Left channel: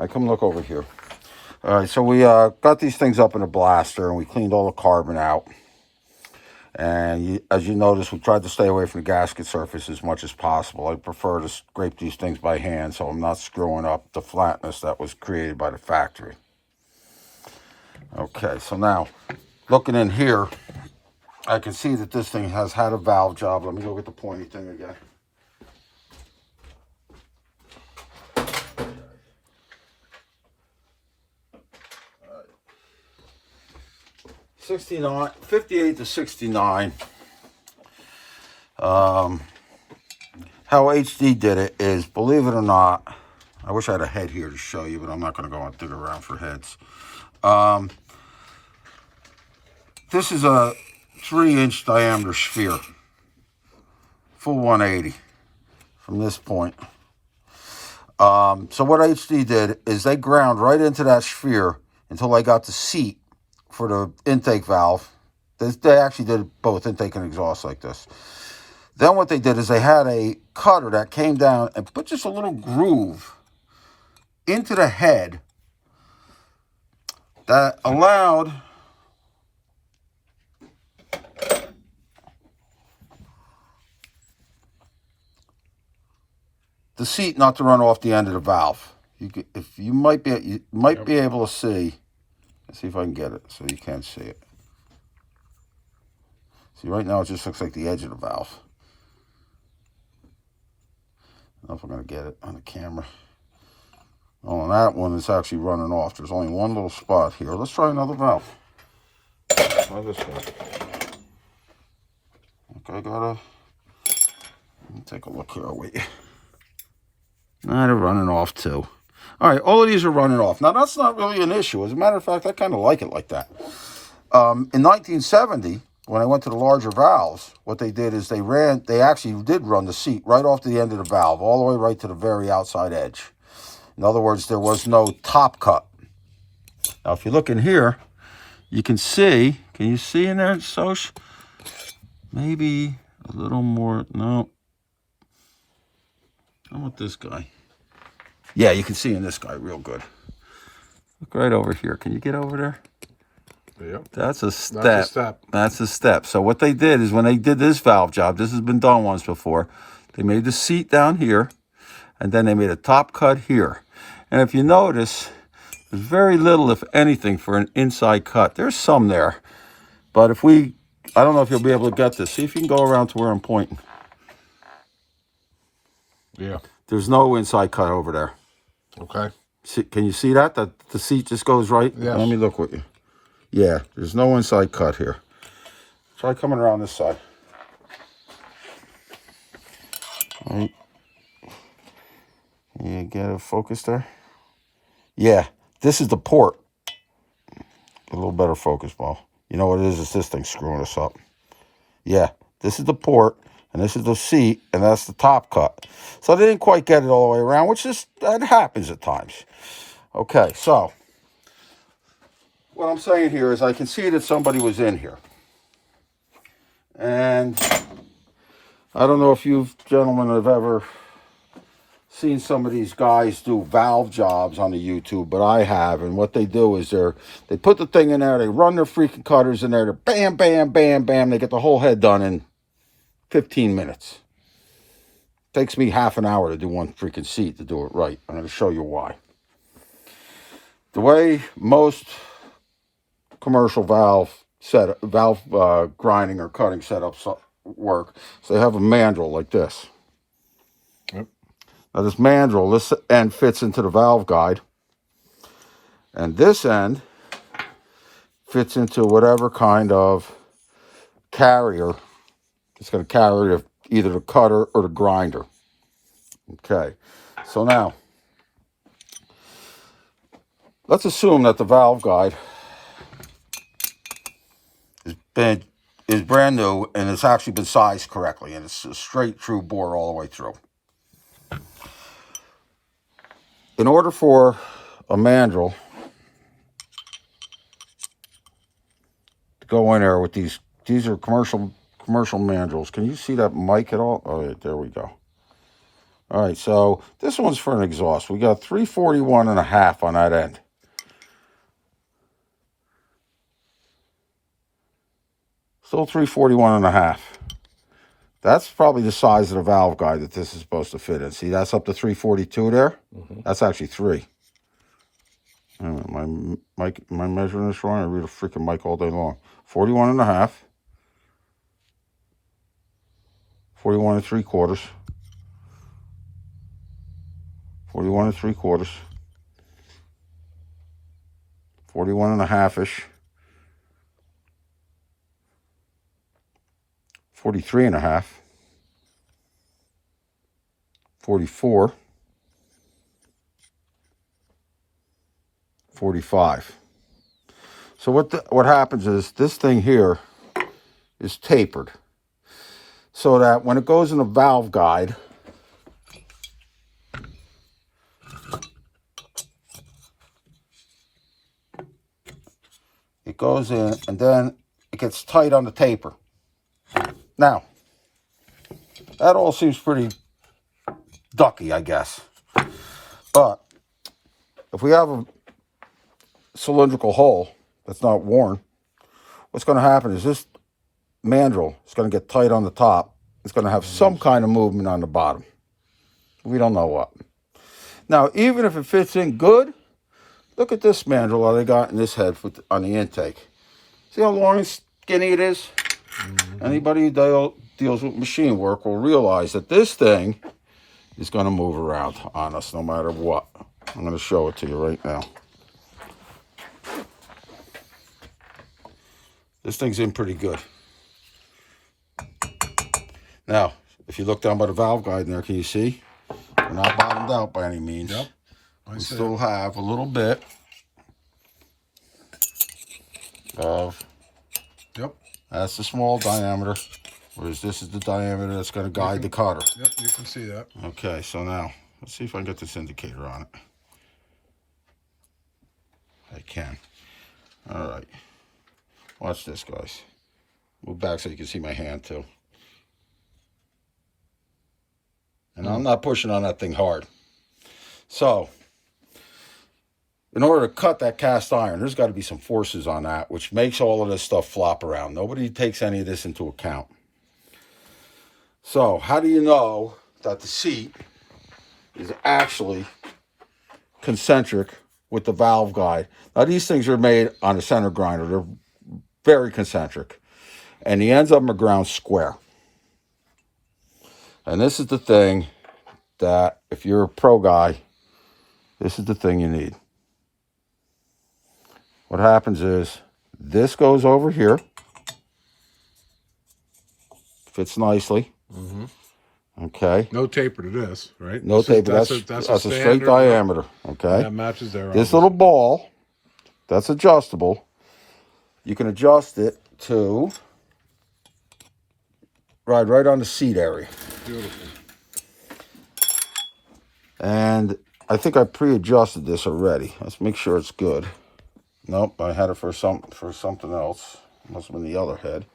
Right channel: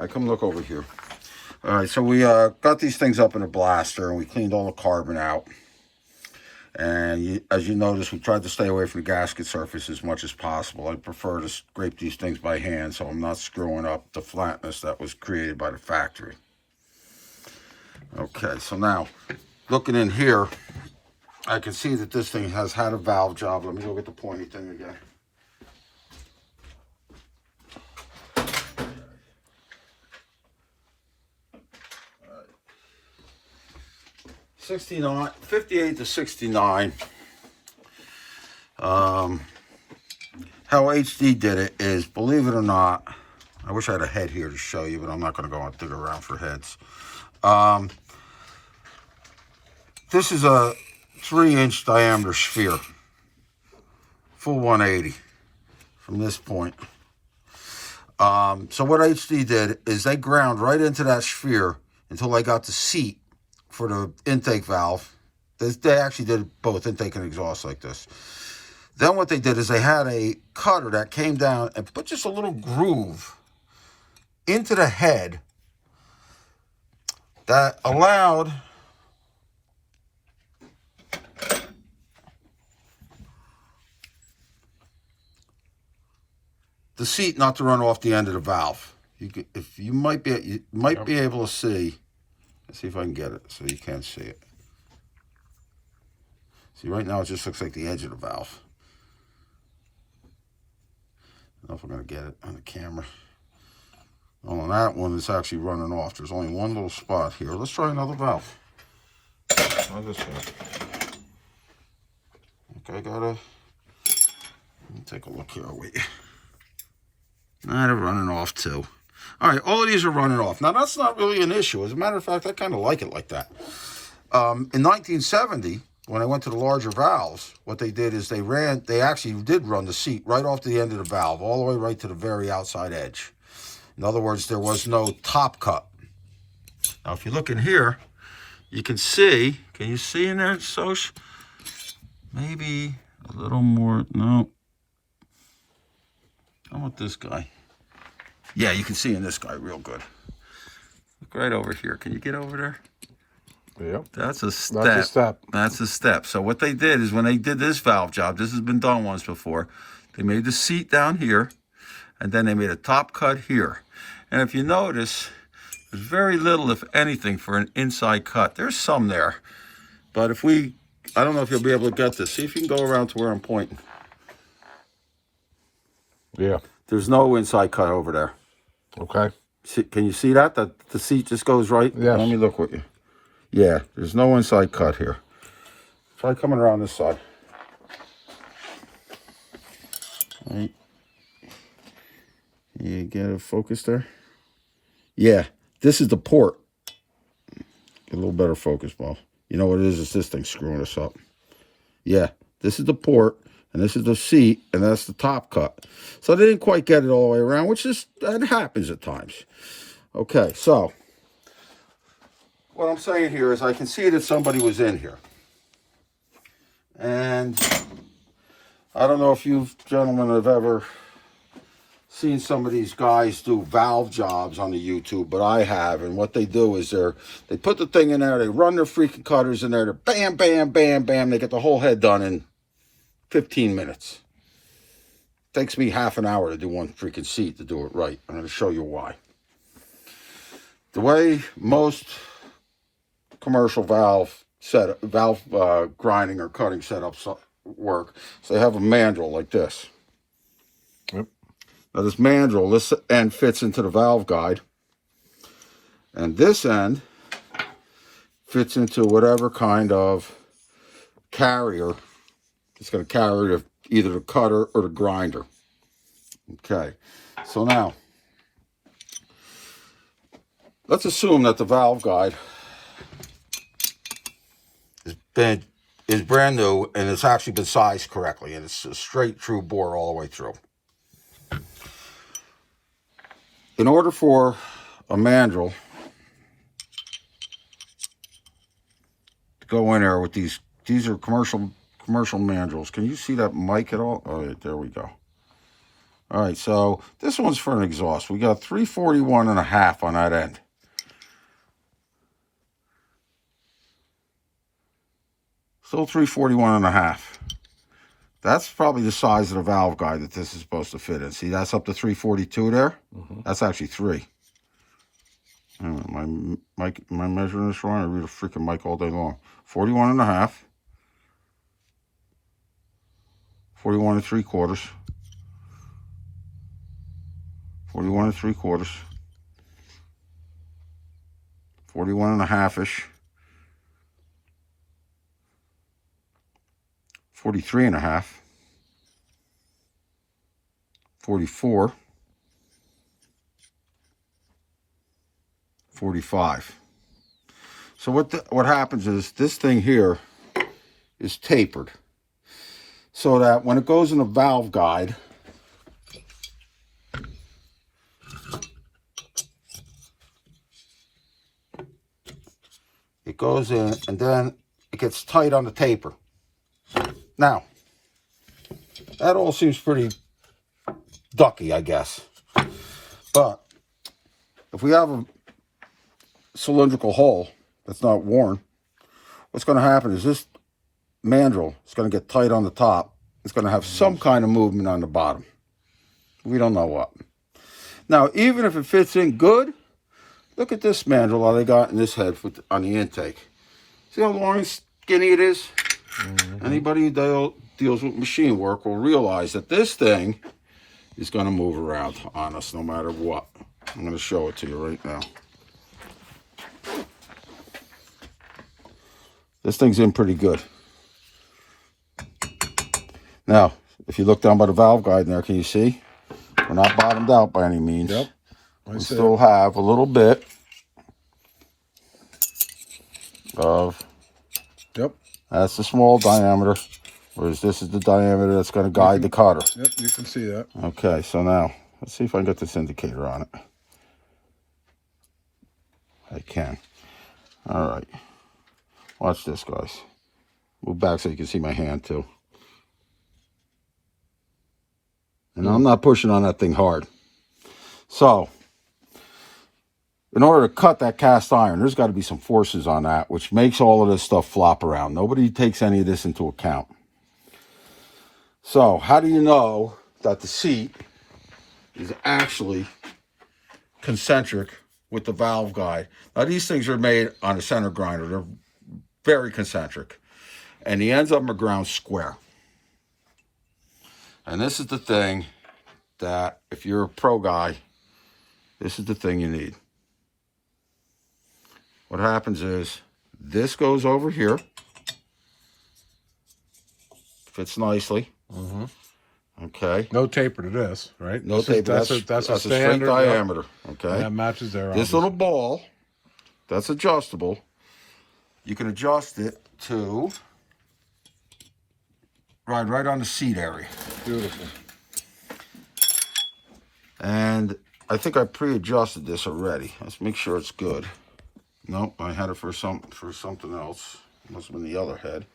right, come look over here. All right, so we got these things up in a blaster, and we cleaned all the carbon out. And as you notice, we tried to stay away from the gasket surface as much as possible. I prefer to scrape these things by hand so I'm not screwing up the flatness that was created by the factory. Okay, so now, looking in here, I can see that this thing has had a valve job. Let me go get the pointy thing again. 69, 58 to 69. How HD did it is, believe it or not, I wish I had a head here to show you, but I'm not going to go and dig around for heads. This is a 3-inch diameter sphere, full 180 from this point. So what HD did is they ground right into that sphere until I got the seat for the intake valve. They actually did both intake and exhaust like this. Then what they did is they had a cutter that came down and put just a little groove into the head that allowed the seat not to run off the end of the valve. You might be able to see. Let's see if I can get it so you can see it. See, right now it just looks like the edge of the valve. I don't know if I'm going to get it on the camera. Oh, and that one is actually running off. There's only one little spot here. Let's try another valve. Try this one. Okay, let me take a look here. Wait. Nah, they're running off too. All right, all of these are running off. Now, that's not really an issue. As a matter of fact, I kind of like it like that. In 1970, when I went to the larger valves, what they did is they actually did run the seat right off the end of the valve, all the way right to the very outside edge. In other words, there was no top cut. Now, if you look in here, you can see, can you see in there, Soch? Maybe a little more, no. How about this guy? Yeah, you can see in this guy real good. Look right over here. Can you get over there? Yep. That's a step. That's a step. That's a step. So what they did is when they did this valve job, this has been done once before, they made the seat down here, and then they made a top cut here. And if you notice, there's very little, if anything, for an inside cut. There's some there. But I don't know if you'll be able to get this. See if you can go around to where I'm pointing. Yeah. There's no inside cut over there. Okay. Can you see that? The seat just goes right? Yeah. Let me look with you. Yeah, there's no inside cut here. Try coming around this side. All right. You get a focus there? Yeah, this is the port. Get a little better focus, Paul. You know what it is? It's this thing screwing us up. Yeah, this is the port. And this is the seat, and that's the top cut. So they didn't quite get it all the way around, that happens at times. Okay, so what I'm saying here is I can see that somebody was in here. And I don't know if you gentlemen have ever seen some of these guys do valve jobs on the YouTube, but I have. And what they do is they put the thing in there, they run their freaking cutters in there, they're bam, bam, bam, bam, they get the whole head done in 15 minutes. Takes me half an hour to do one freaking seat to do it right. I'm going to show you why. The way most commercial valve grinding or cutting setups work, so they have a mandrel like this. Yep. Now this mandrel, this end fits into the valve guide, and this end fits into whatever kind of carrier it's going to carry either the cutter or the grinder. Okay, so now, let's assume that the valve guide is brand new and it's actually been sized correctly, and it's a straight true bore all the way through. In order for a mandrel to go in there with these are commercial mandrels. Can you see that mic at all? Oh, there we go. All right, so this one's for an exhaust. We got 341.5 on that end. Still 341.5. That's probably the size of the valve guide that this is supposed to fit in. See, that's up to 342 there. That's actually 3. Am I measuring this wrong? I read a freaking mic all day long. 41.5. 41 3/4. 41 3/4. 41.5-ish. 43.5. 44. 45. So what happens is this thing here is tapered, so that when it goes in the valve guide, it goes in and then it gets tight on the taper. Now, that all seems pretty ducky, I guess. But if we have a cylindrical hole that's not worn, what's going to happen is this mandrel is going to get tight on the top. It's going to have some kind of movement on the bottom. We don't know what. Now, even if it fits in good, look at this mandrel that I got in this head on the intake. See how long and skinny it is? Anybody who deals with machine work will realize that this thing is going to move around on us no matter what. I'm going to show it to you right now. This thing's in pretty good. Now, if you look down by the valve guide in there, can you see? We're not bottomed out by any means. Yep. We still have a little bit of... Yep. That's the small diameter, whereas this is the diameter that's going to guide the cutter. Yep, you can see that. Okay, so now, let's see if I can get this indicator on it. I can. All right. Watch this, guys. Move back so you can see my hand, too. And I'm not pushing on that thing hard. So, in order to cut that cast iron, there's got to be some forces on that, which makes all of this stuff flop around. Nobody takes any of this into account. So, how do you know that the seat is actually concentric with the valve guide? Now, these things are made on a center grinder. They're very concentric. And the ends of them are ground square. And this is the thing that, if you're a pro guy, this is the thing you need. What happens is, this goes over here. Fits nicely. Okay. No taper to this, right? No taper. That's a straight standard diameter. Okay. And that matches there. This little ball, that's adjustable. You can adjust it to ride right on the seat area. Beautiful. And I think I pre-adjusted this already. Let's make sure it's good. Nope, I had it for something else. Must have been the other head.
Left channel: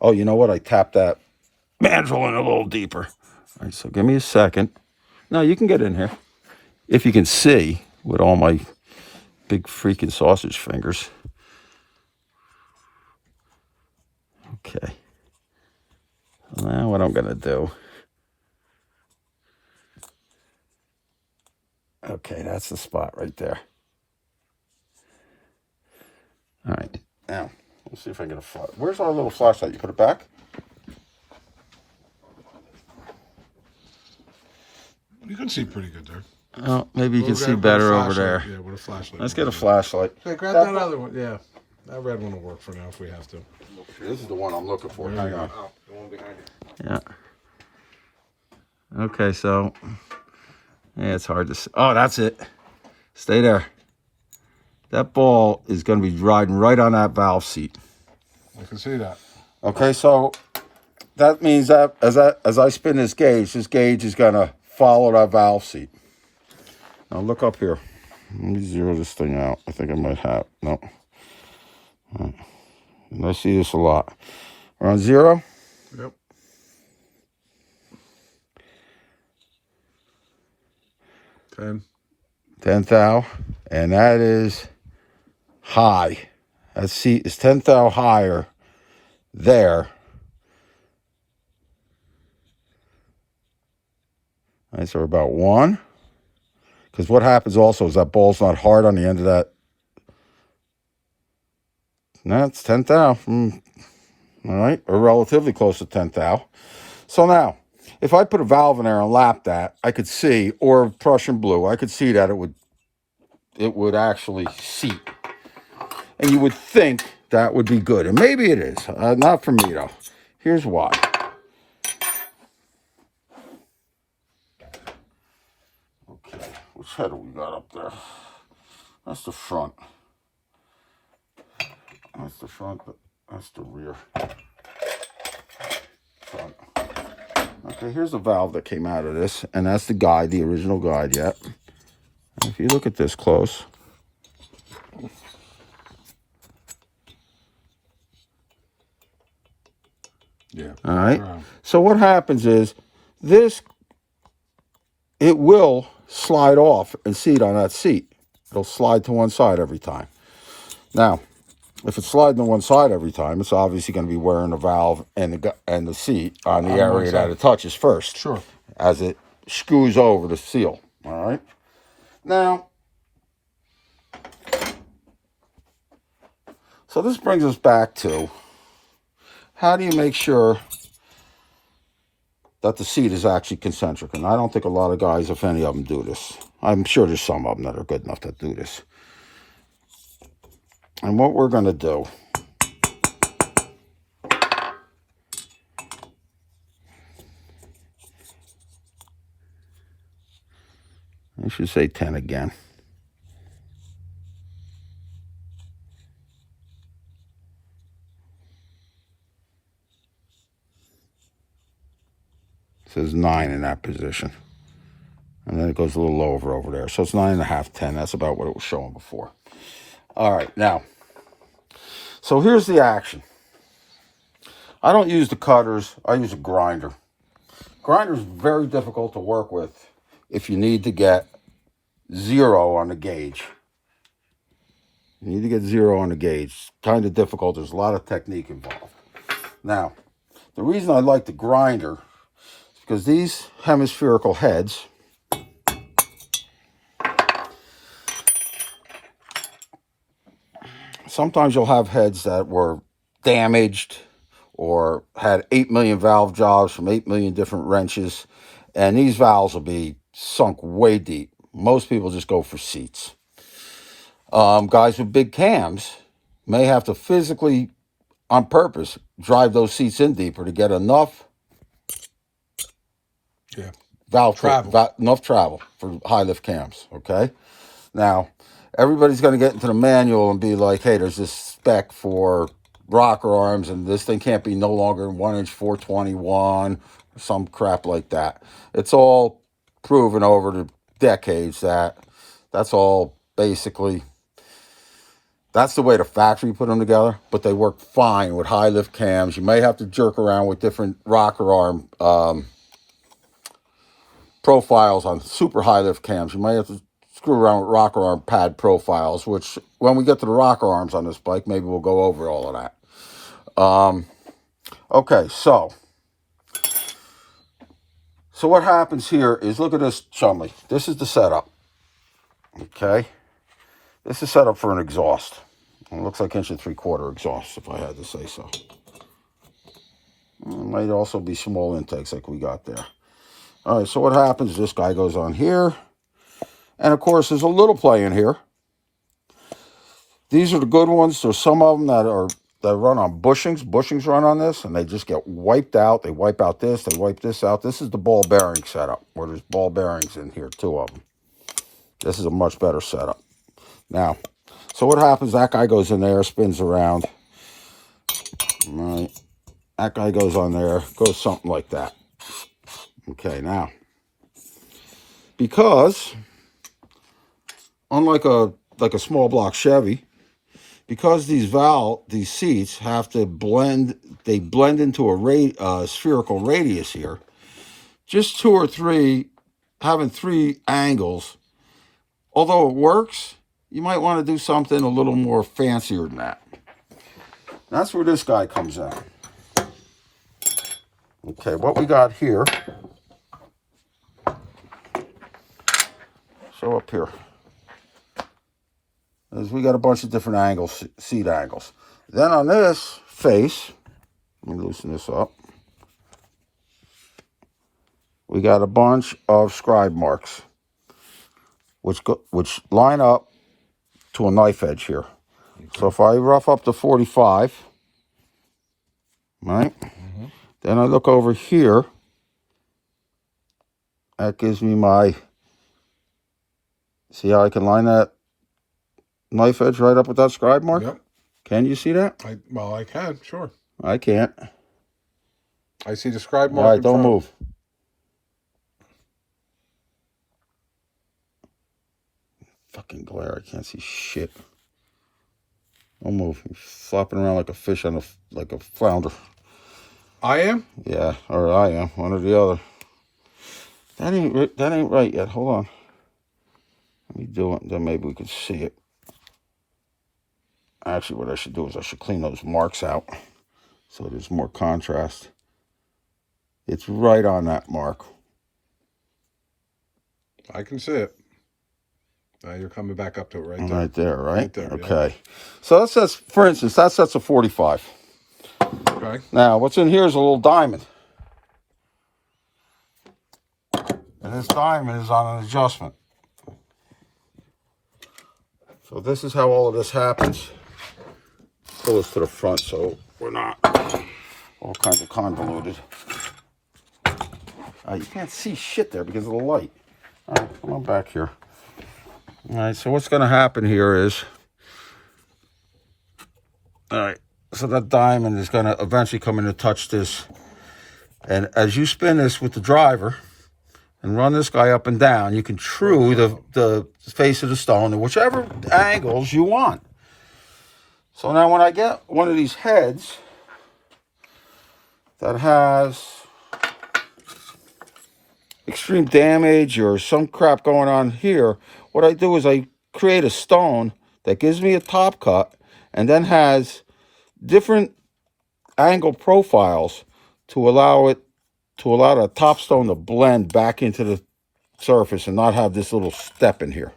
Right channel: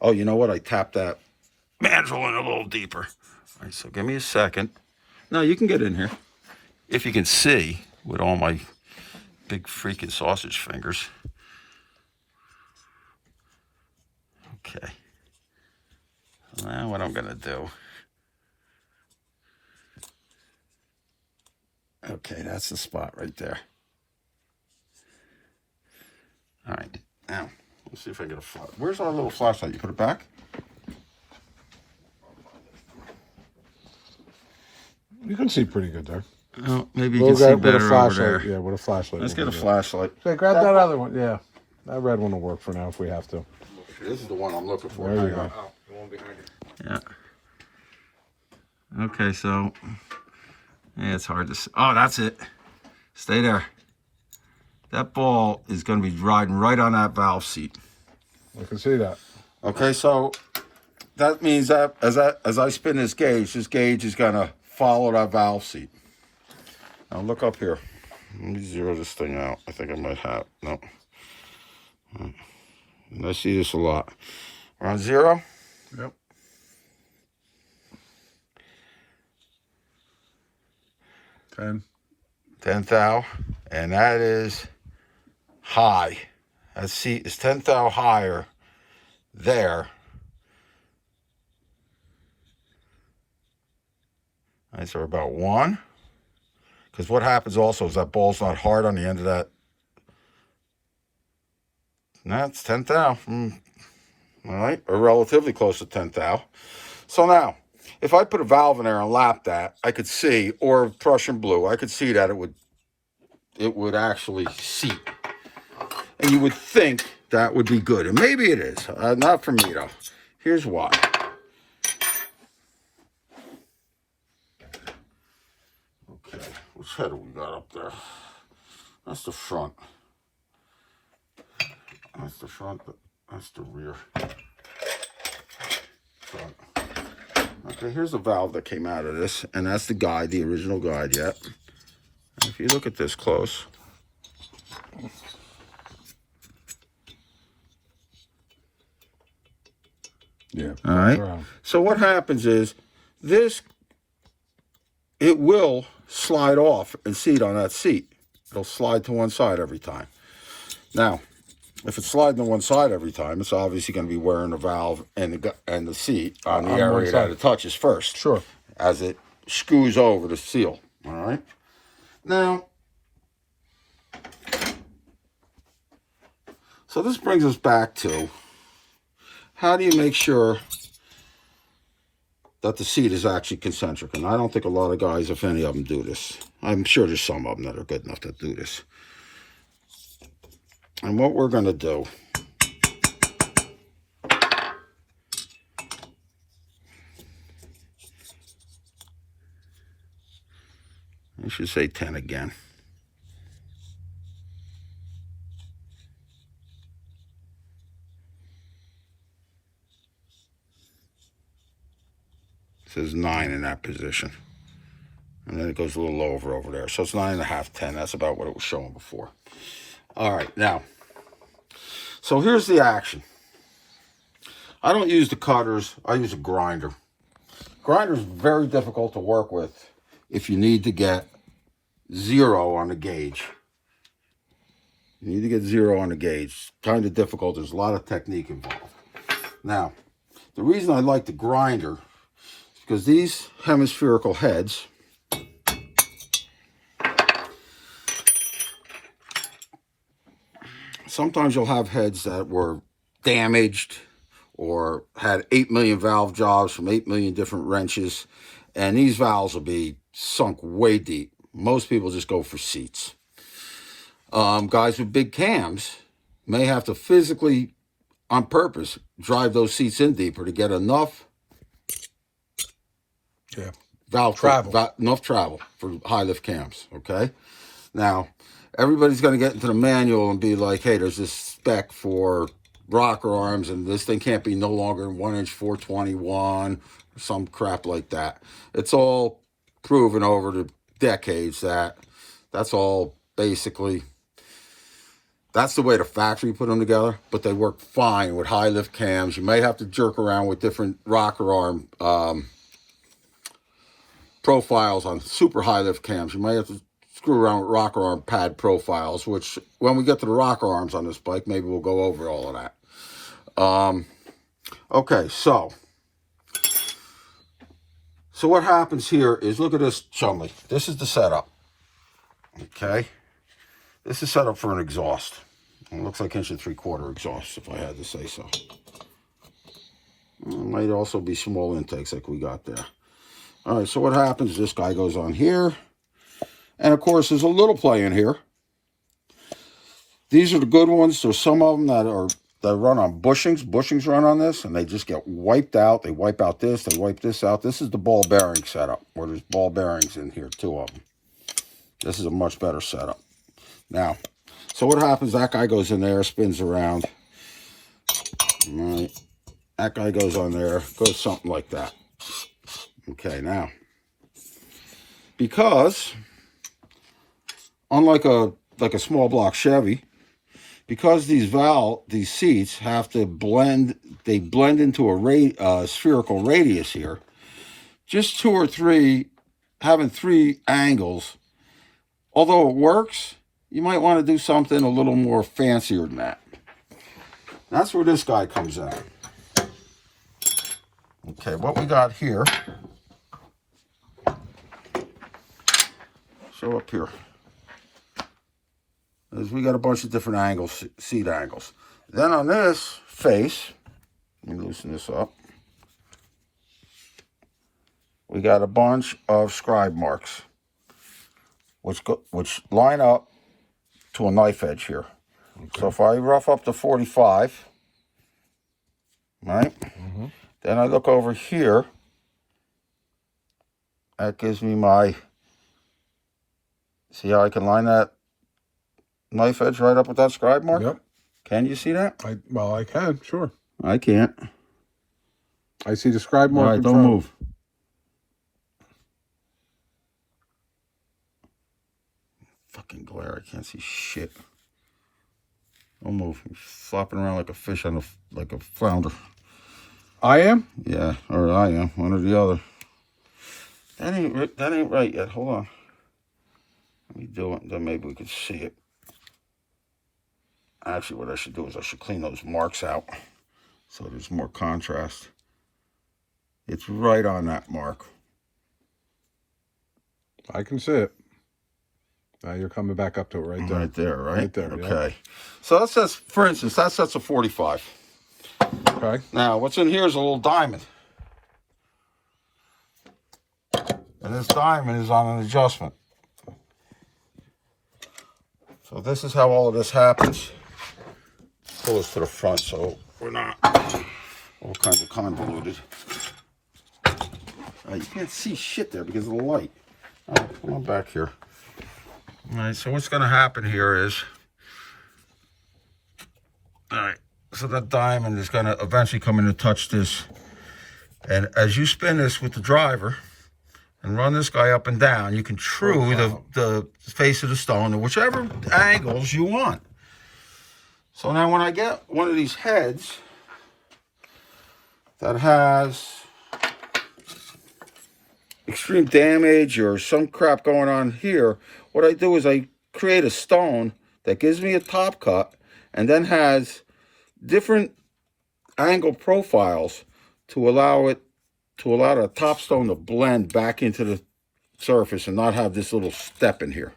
Oh, you know what? I tapped that mandrel in a little deeper. All right, so give me a second. Now you can get in here. If you can see with all my big freaking sausage fingers. Okay. Now what I'm going to do. Okay, that's the spot right there. All right, now, let's see if I can get a flash. Where's our little flashlight? You put it back? You can see pretty good there. Oh, maybe you can see better over there. Yeah, with a flashlight. Let's get a flashlight. Okay, grab that other one. Yeah, that red one will work for now if we have to. This is the one I'm looking for. There you go. Yeah. Okay, so, yeah, it's hard to see. Oh, that's it. Stay there. That ball is going to be riding right on that valve seat. I can see that. Okay, so that means that as I spin this gauge is going to follow that valve seat. Now look up here. Let me zero this thing out. I think I might have. No. Right. I see this a lot. We're on 0. Yep. 10. 10 thou. And that is high. That seat is 10 thou higher there. All right, so we're about 1. Because what happens also is that ball's not hard on the end of that. No, it's 10 thou. All right, we're relatively close to 10 thou. So now, if I put a valve in there and lap that, I could see, or Prussian blue, I could see that it would actually seat. And you would think that would be good. And maybe it is. Not for me, though. Here's why. Okay, which header we got up there? That's the front. That's the front, but that's the rear. Front. Okay, here's the valve that came out of this, and that's the guide, the original guide yet. And if you look at this close, Yeah. all right. So what happens is this, it will slide off and seat on that seat. It'll slide to one side every time. Now, if it's sliding to one side every time, it's obviously going to be wearing the valve and the seat on the area that it touches first. Sure. As it scoos over the seal. All right. Now, so this brings us back to how do you make sure that the seat is actually concentric? And I don't think a lot of guys, if any of them, do this. I'm sure there's some of them that are good enough to do this. And what we're going to do, I should say 10 again. It says 9 in that position. And then it goes a little over there. So it's 9.5, 10. That's about what it was showing before. All right, now, so here's the action. I don't use the cutters. I use a grinder. Grinder is very difficult to work with if you need to get 0 on the gauge. You need to get 0 on the gauge. It's kind of difficult. There's a lot of technique involved. Now, the reason I like the grinder is because these hemispherical heads, sometimes you'll have heads that were damaged or had 8 million valve jobs from 8 million different wrenches, and these valves will be sunk way deep. Most people just go for seats. Guys with big cams may have to physically, on purpose, drive those seats in deeper to get enough valve travel, enough travel for high lift cams. Okay, now everybody's going to get into the manual and be like, hey, there's this spec for rocker arms, and this thing can't be no longer than 1 inch 421, or some crap like that. It's all proven over the decades that that's all basically, that's the way the factory put them together, but they work fine with high lift cams. You may have to jerk around with different rocker arm profiles on super high lift cams. You might have to screw around with rocker arm pad profiles, which when we get to the rocker arms on this bike, maybe we'll go over all of that. Okay, so what happens here is, look at this chumley. This is the setup. Okay, this is set up for an exhaust. It looks like 1 3/4 exhaust, if I had to say so. It might also be small intakes like we got there. All right, so what happens, this guy goes on here. And, of course, there's a little play in here. These are the good ones. There's some of them that run on bushings. Bushings run on this, and they just get wiped out. They wipe out this. They wipe this out. This is the ball bearing setup, where there's ball bearings in here, 2 of them. This is a much better setup. Now, so what happens, that guy goes in there, spins around. All right. That guy goes on there, goes something like that. Okay, now, because unlike a small block Chevy, because these seats have to blend, they blend into a spherical radius here. Just 2 or 3, having 3 angles although it works, you might want to do something a little more fancier than that. That's where this guy comes in. Okay, what we got here. So up here is we got a bunch of different angles, seat angles. Then on this face, let me loosen this up. We got a bunch of scribe marks, which line up to a knife edge here. Okay. So if I rough up to 45, right? Mm-hmm. Then I look over here. That gives me my. See how I can line that knife edge right up with that scribe mark? Yep. Can you see that? Well, I can, sure. I can't. I see the scribe mark. All right, don't move. Fucking glare, I can't see shit. Don't move. I'm flopping around like a fish on like a flounder. I am? Yeah, or I am. One or the other. That ain't right yet. Hold on. Let me do it, then maybe we can see it. Actually, what I should do is I should clean those marks out so there's more contrast. It's right on that mark. I can see it. Now you're coming back up to it right there. Right there, right? Right there, okay. Yeah. So that says, for instance, that sets a 45. Okay. Now, what's in here is a little diamond. And this diamond is on an adjustment. So this is how all of this happens. Pull this to the front so we're not all kinds of convoluted. You can't see shit there because of the light. All right, come on back here. All right, so what's going to happen here is, all right, so that diamond is going to eventually come in and touch this. And as you spin this with the driver and run this guy up and down, you can true the face of the stone in whichever angles you want. So now when I get one of these heads that has extreme damage or some crap going on here, what I do is I create a stone that gives me a top cut and then has different angle profiles to allow the top stone to blend back into the surface and not have this little step in here.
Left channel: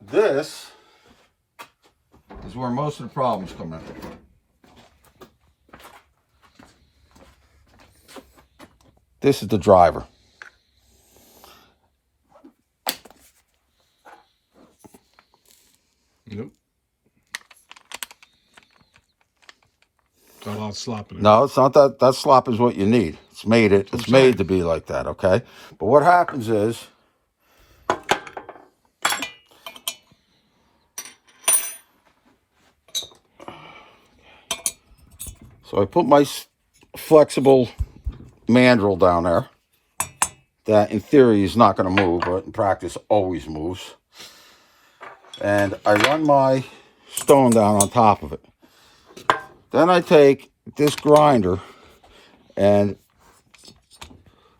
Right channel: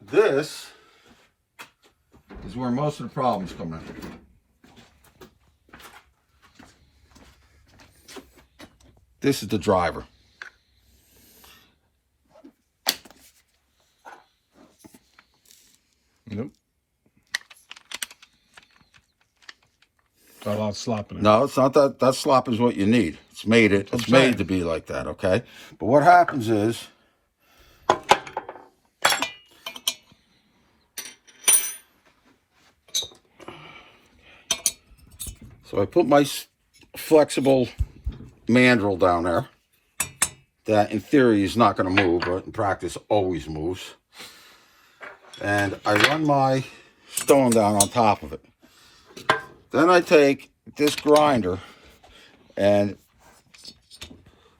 This is where most of the problems come in. This is the driver. Nope. Got a lot of slop in it. No, it's not that. That slop is what you need. It's made to be like that, okay? But what happens is, so I put my flexible mandrel down there that in theory is not going to move, but in practice always moves. And I run my stone down on top of it. Then I take this grinder and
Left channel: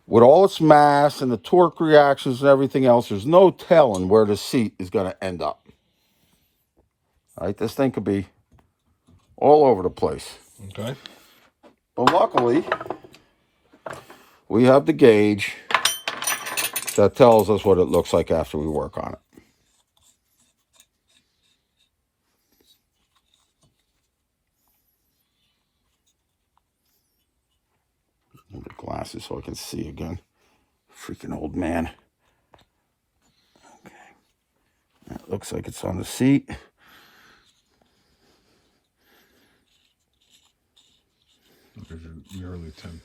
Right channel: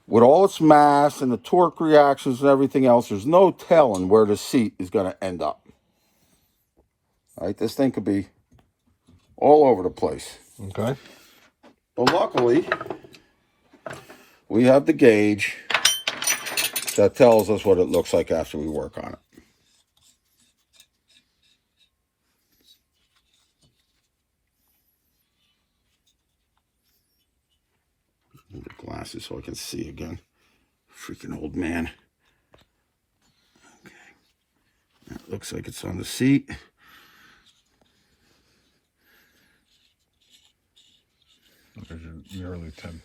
with all its mass and the torque reactions and everything else, there's no telling where the seat is going to end up. All right, this thing could be all over the place. Okay. But luckily, we have the gauge that tells us what it looks like after we work on it. Need the glasses so I can see again. Freaking old man. Okay. That looks like it's on the seat. There's your early 10.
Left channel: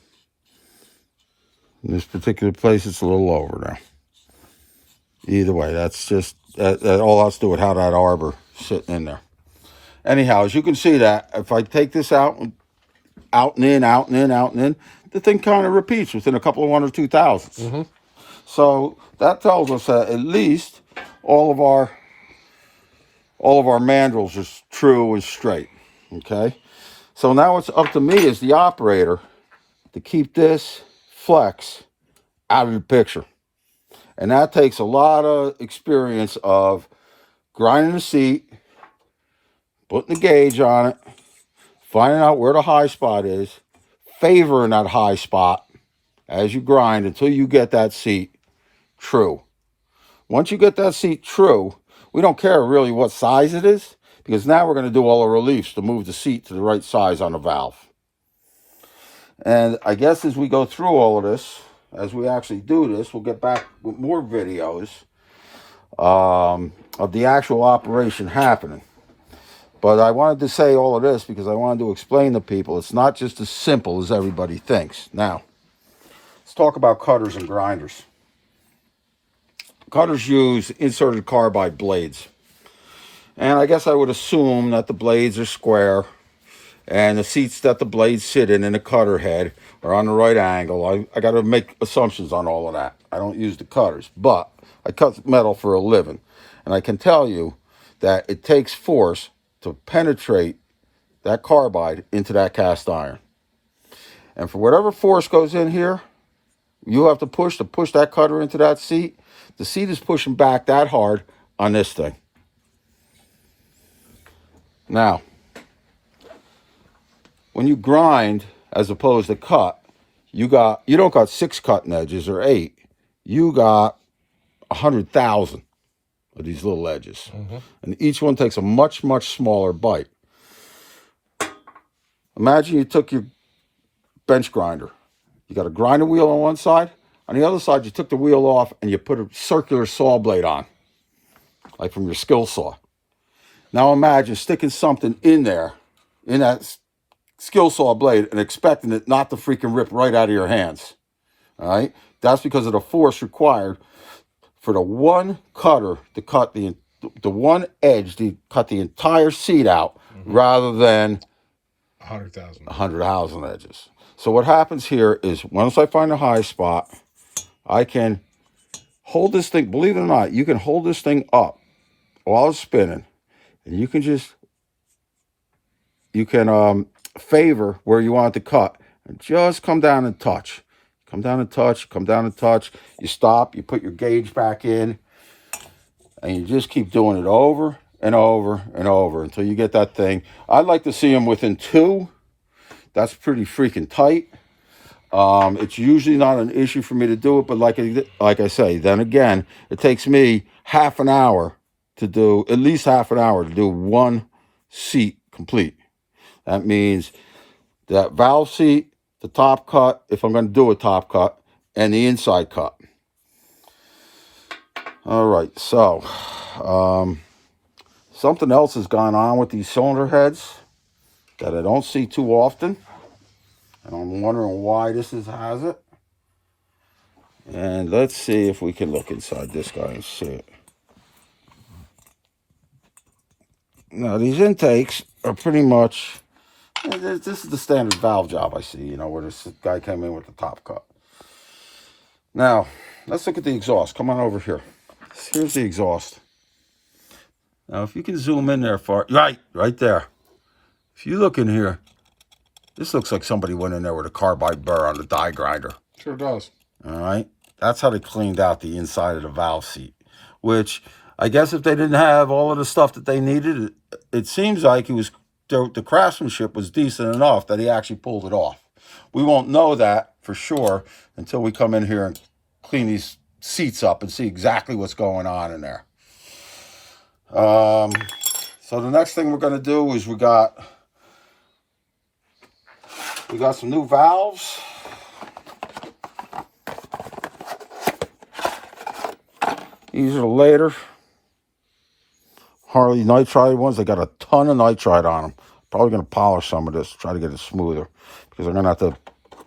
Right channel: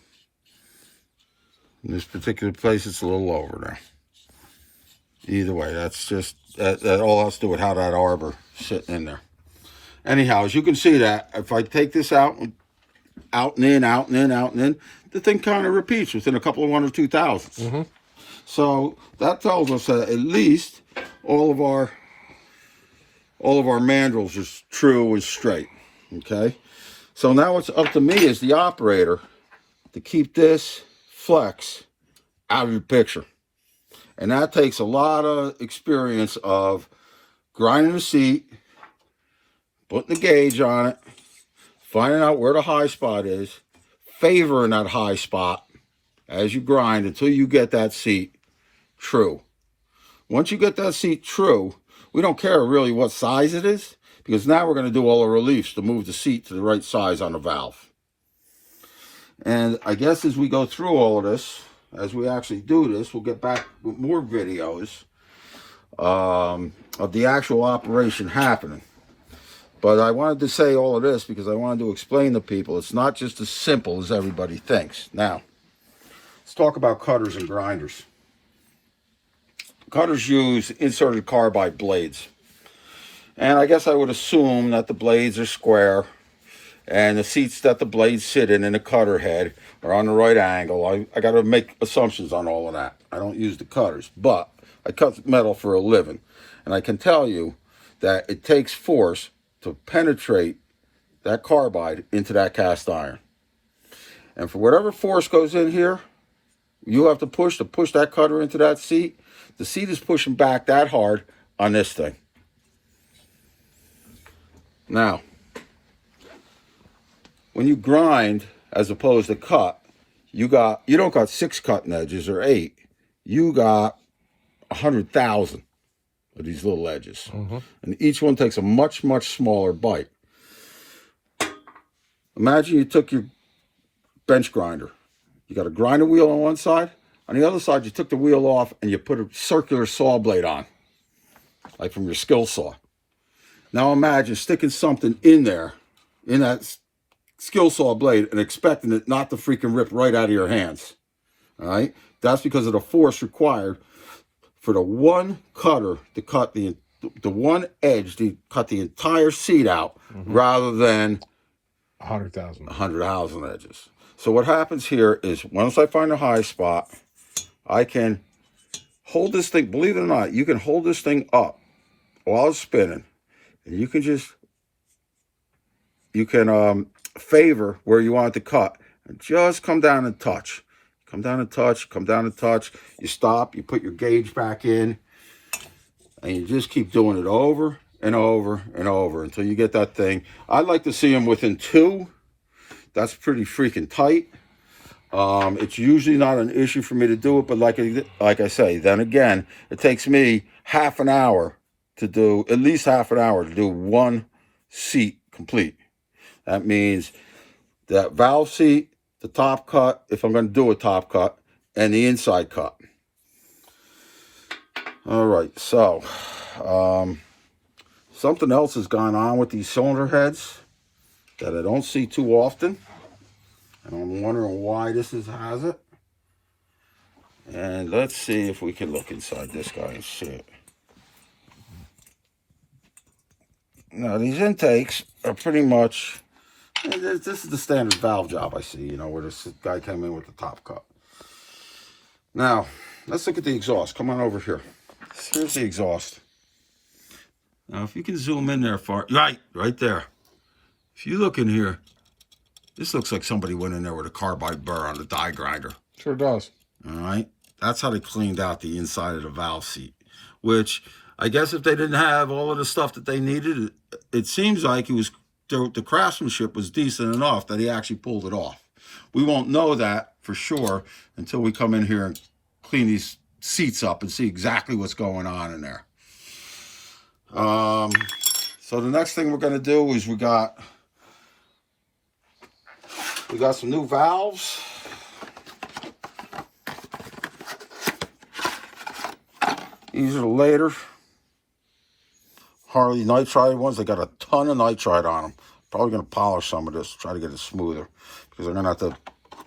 In this particular place, it's a little over now. Either way, that's just, that all has to do with how that arbor sitting in there. Anyhow, as you can see that, if I take this out and in, out and in, out and in, the thing kind of repeats within a couple of 1 or 2 thousandths. Mm-hmm. So that tells us that at least all of our mandrels are true and straight. Okay, So now it's up to me as the operator to keep this flex out of the picture. And that takes a lot of experience of grinding the seat, putting the gauge on it, finding out where the high spot is, favoring that high spot as you grind until you get that seat true. Once you get that seat true, we don't care really what size it is, because now we're going to do all the reliefs to move the seat to the right size on the valve. And I guess as we go through all of this, as we actually do this, we'll get back with more videos of the actual operation happening. But I wanted to say all of this because I wanted to explain to people it's not just as simple as everybody thinks. Now, let's talk about cutters and grinders. Cutters use inserted carbide blades. And I guess I would assume that the blades are square and the seats that the blades sit in the cutter head are on the right angle. I got to make assumptions on all of that. I don't use the cutters, but I cut metal for a living. And I can tell you that it takes force to penetrate that carbide into that cast iron. And for whatever force goes in here, you have to push that cutter into that seat. The seat is pushing back that hard on this thing. Now, when you grind as opposed to cut, you don't got 6 cutting edges or 8. You got 100,000 of these little edges. And each one takes a much, much smaller bite. Imagine you took your bench grinder. You got a grinder wheel on one side. On the other side, you took the wheel off and you put a circular saw blade on, like from your skill saw. Now imagine sticking something in there, in that skill saw blade, and expecting it not to freaking rip right out of your hands. All right? That's because of the force required for the one cutter to cut the one edge to cut the entire seat out, rather than 100,000 edges. So what happens here is once I find a high spot, I can hold this thing. Believe it or not, you can hold this thing up while it's spinning, and you can favor where you want it to cut and just come down and touch. Come down and touch, come down and touch. You stop, you put your gauge back in, and you just keep doing it over and over and over until you get that thing. I'd like to see them within 2. That's pretty freaking tight. It's usually not an issue for me to do it, but like I say, then again, it takes me half an hour to do, at least half an hour to do one seat complete. That means that valve seat, the top cut, if I'm going to do a top cut, and the inside cut. All right, so something else has gone on with these cylinder heads that I don't see too often. And I'm wondering why this has it. And let's see if we can look inside this guy and see it. Now, these intakes are pretty much, this is the standard valve job I see, where this guy came in with the top cut. Now, let's look at the exhaust. Come on over here. Here's the exhaust. Now, if you can zoom in there right there. If you look in here, this looks like somebody went in there with a carbide burr on the die grinder. Sure does. All right. That's how they cleaned out the inside of the valve seat, which I guess if they didn't have all of the stuff that they needed, it seems like the craftsmanship was decent enough that he actually pulled it off. We won't know that for sure until we come in here and clean these seats up and see exactly what's going on in there. So the next thing we're going to do is we got some new valves. These are the later Harley nitride ones. They got a ton of nitride on them. Probably going to polish some of this, try to get it smoother, because I'm going to have to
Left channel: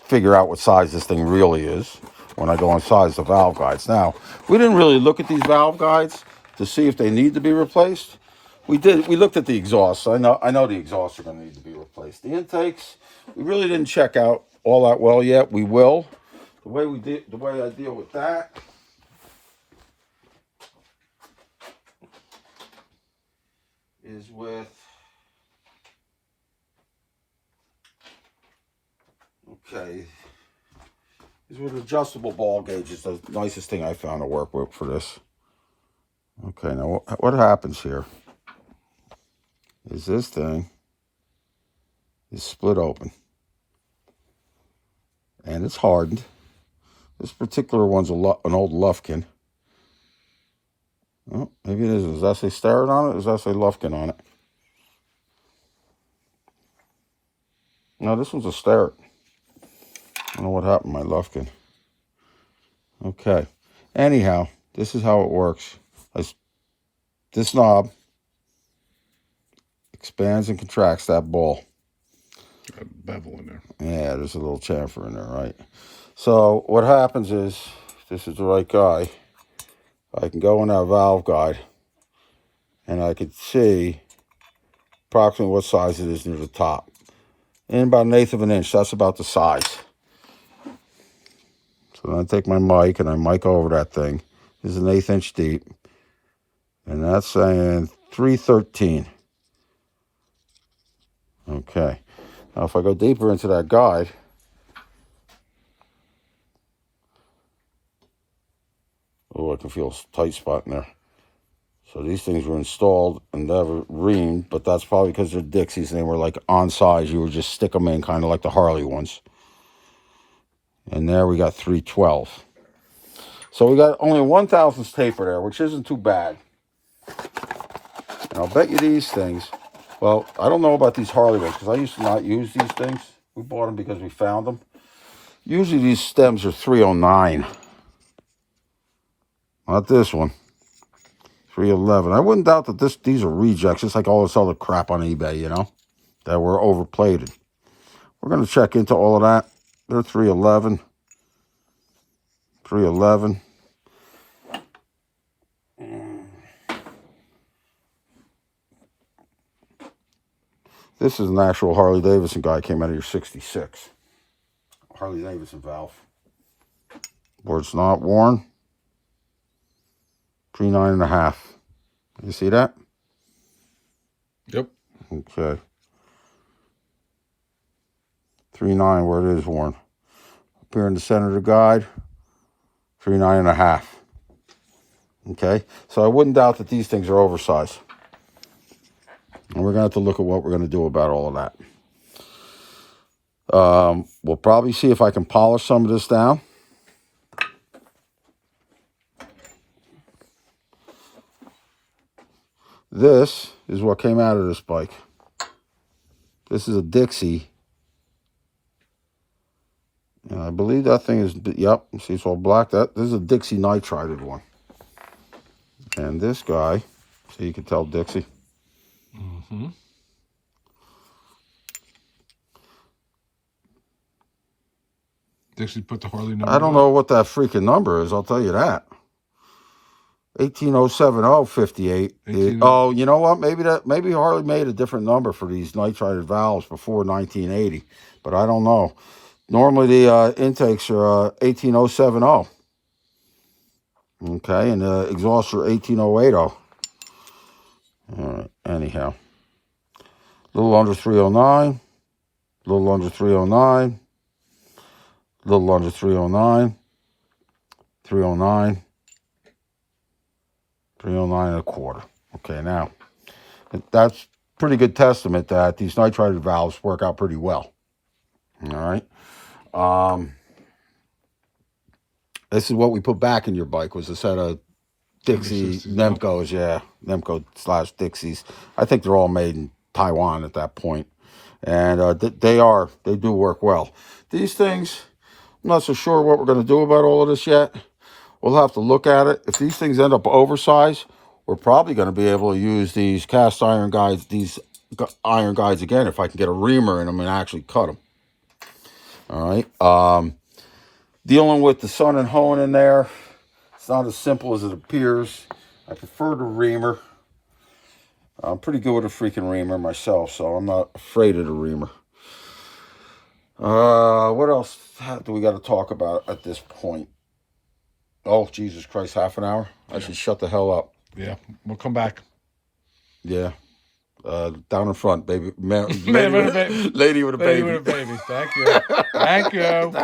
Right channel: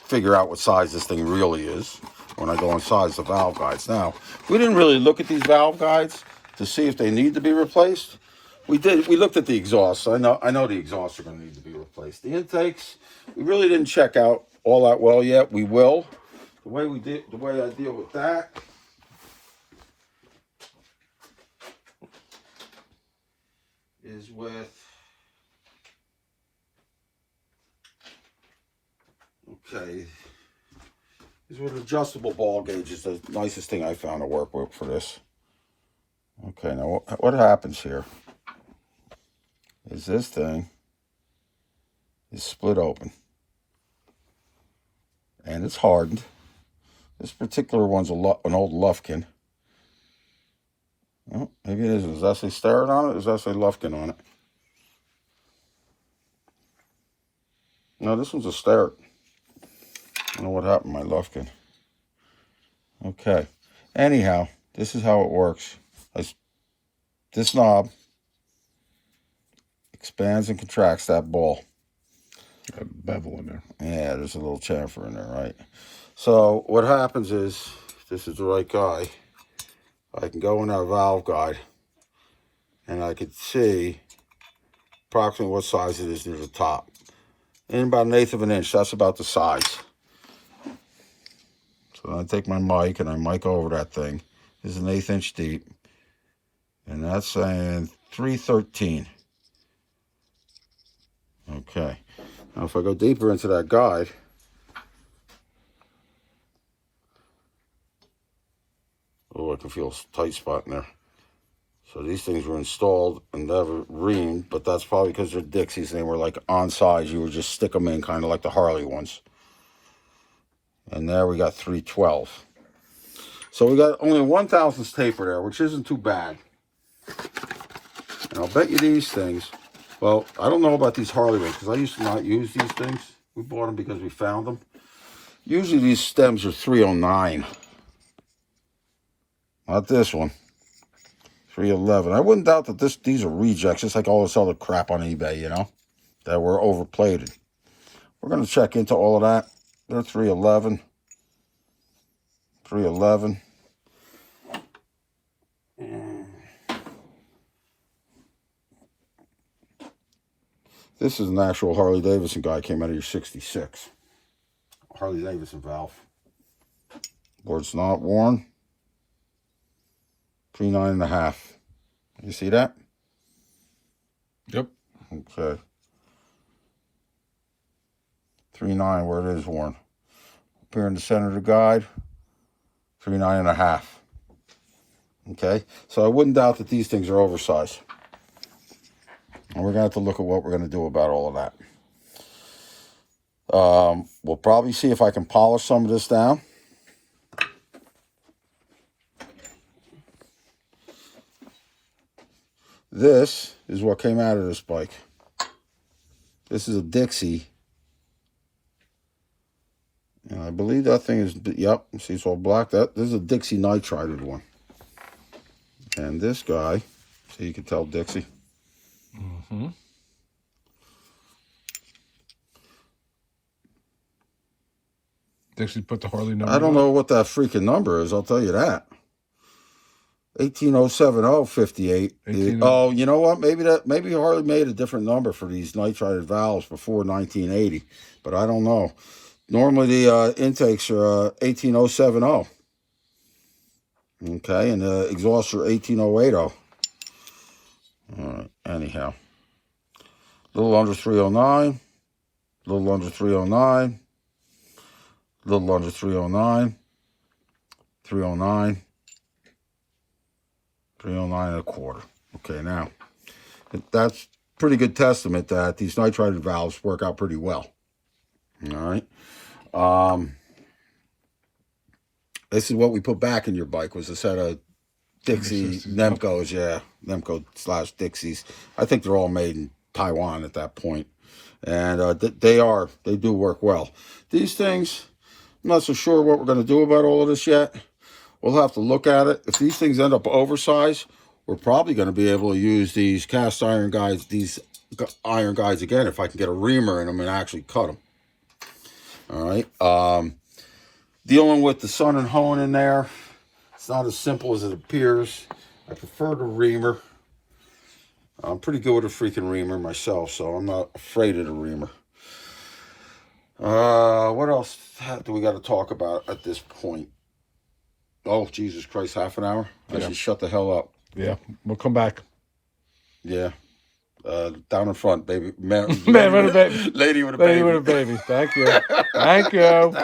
figure out what size this thing really is when I go and size the valve guides. Now, we didn't really look at these valve guides to see if they need to be replaced. We did. We looked at the exhaust. So I know the exhausts are going to need to be replaced. The intakes, we really didn't check out all that well yet. We will. The way I deal with that is with Okay. These were adjustable ball gauges. The nicest thing I found to work with for this. Okay, now what happens here is this thing is split open. And it's hardened. This particular one's an old Lufkin. Oh, maybe it is. Does that say Starrett on it? Or does that say Lufkin on it? No, this one's a Starrett. I don't know what happened to my Lufkin. Okay. Anyhow, this is how it works. This knob expands and contracts that ball. Got a bevel in there. Yeah, there's a little chamfer in there, right? So what happens is, if this is the right guy, I can go in that valve guide and I can see approximately what size it is near the top. And about 1/8 of an inch, that's about the size. So then I take my mic and I mic over that thing. This is 1/8 inch deep. And that's saying 313. Okay. Now if I go deeper into that guide, oh, I can feel a tight spot in there. So these things were installed and never reamed, but that's probably because they're Dixies and they were like on size. You would just stick them in kind of like the Harley ones. And there we got 312. So we got only 1/1000th taper there, which isn't too bad. And I'll bet you these things, well, I don't know about these Harley ones because I used to not use these things. We bought them because we found them. Usually these stems are 309. Not this one. 311. I wouldn't doubt that these are rejects, just like all this other crap on eBay, you know, that were overplated. We're going to check into all of that. They're 311. 311. This is an actual Harley Davidson guy. Came out of your 66. Harley Davidson valve. Where it's not worn. 3.5. You see that? Yep. Okay. 3.9 where it is worn. Up here in the center of the guide, 3.9.5. Okay, so I wouldn't doubt that these things are oversized. And we're going to have to look at what we're going to do about all of that. We'll probably see if I can polish some of this down. This is what came out of this bike. This is a Dixie. And I believe that thing is, yep, see it's all black. This is a Dixie nitrided one. And this guy, so you can tell Dixie. Mm-hmm. Dixie put the Harley number. I don't know what that freaking number is, I'll tell you that. 1807058. Oh, you know what? Maybe Harley made a different number for these nitrided valves before 1980, but I don't know. Normally the intakes are 18070. Okay, and the exhausts are 18080. All right, anyhow. A little under 309. A little under 309. A little under 309. 309. 309.25. Okay, now, that's pretty good testament that these nitrided valves work out pretty well. All right. This is what we put back in your bike, was a set of Dixie Nemcos, yeah, Nemco/Dixies. I think they're all made in Taiwan at that point. And they do work well. These things, I'm not so sure what we're going to do about all of this yet. We'll have to look at it. If these things end up oversized, we're probably going to be able to use these cast iron guides, these iron guides again, if I can get a reamer in them and actually cut them. All right. Dealing with the sun and hone in there, it's not as simple as it appears. I prefer the reamer. I'm pretty good with a freaking reamer myself, so I'm not afraid of the reamer. What else do we got to talk about at this point? Oh, Jesus Christ, half an hour? I should shut the hell up. Yeah, we'll come back. Yeah. Down in front, baby. Man with a baby. Lady with a Lady baby. with a baby. Thank you. Thank you.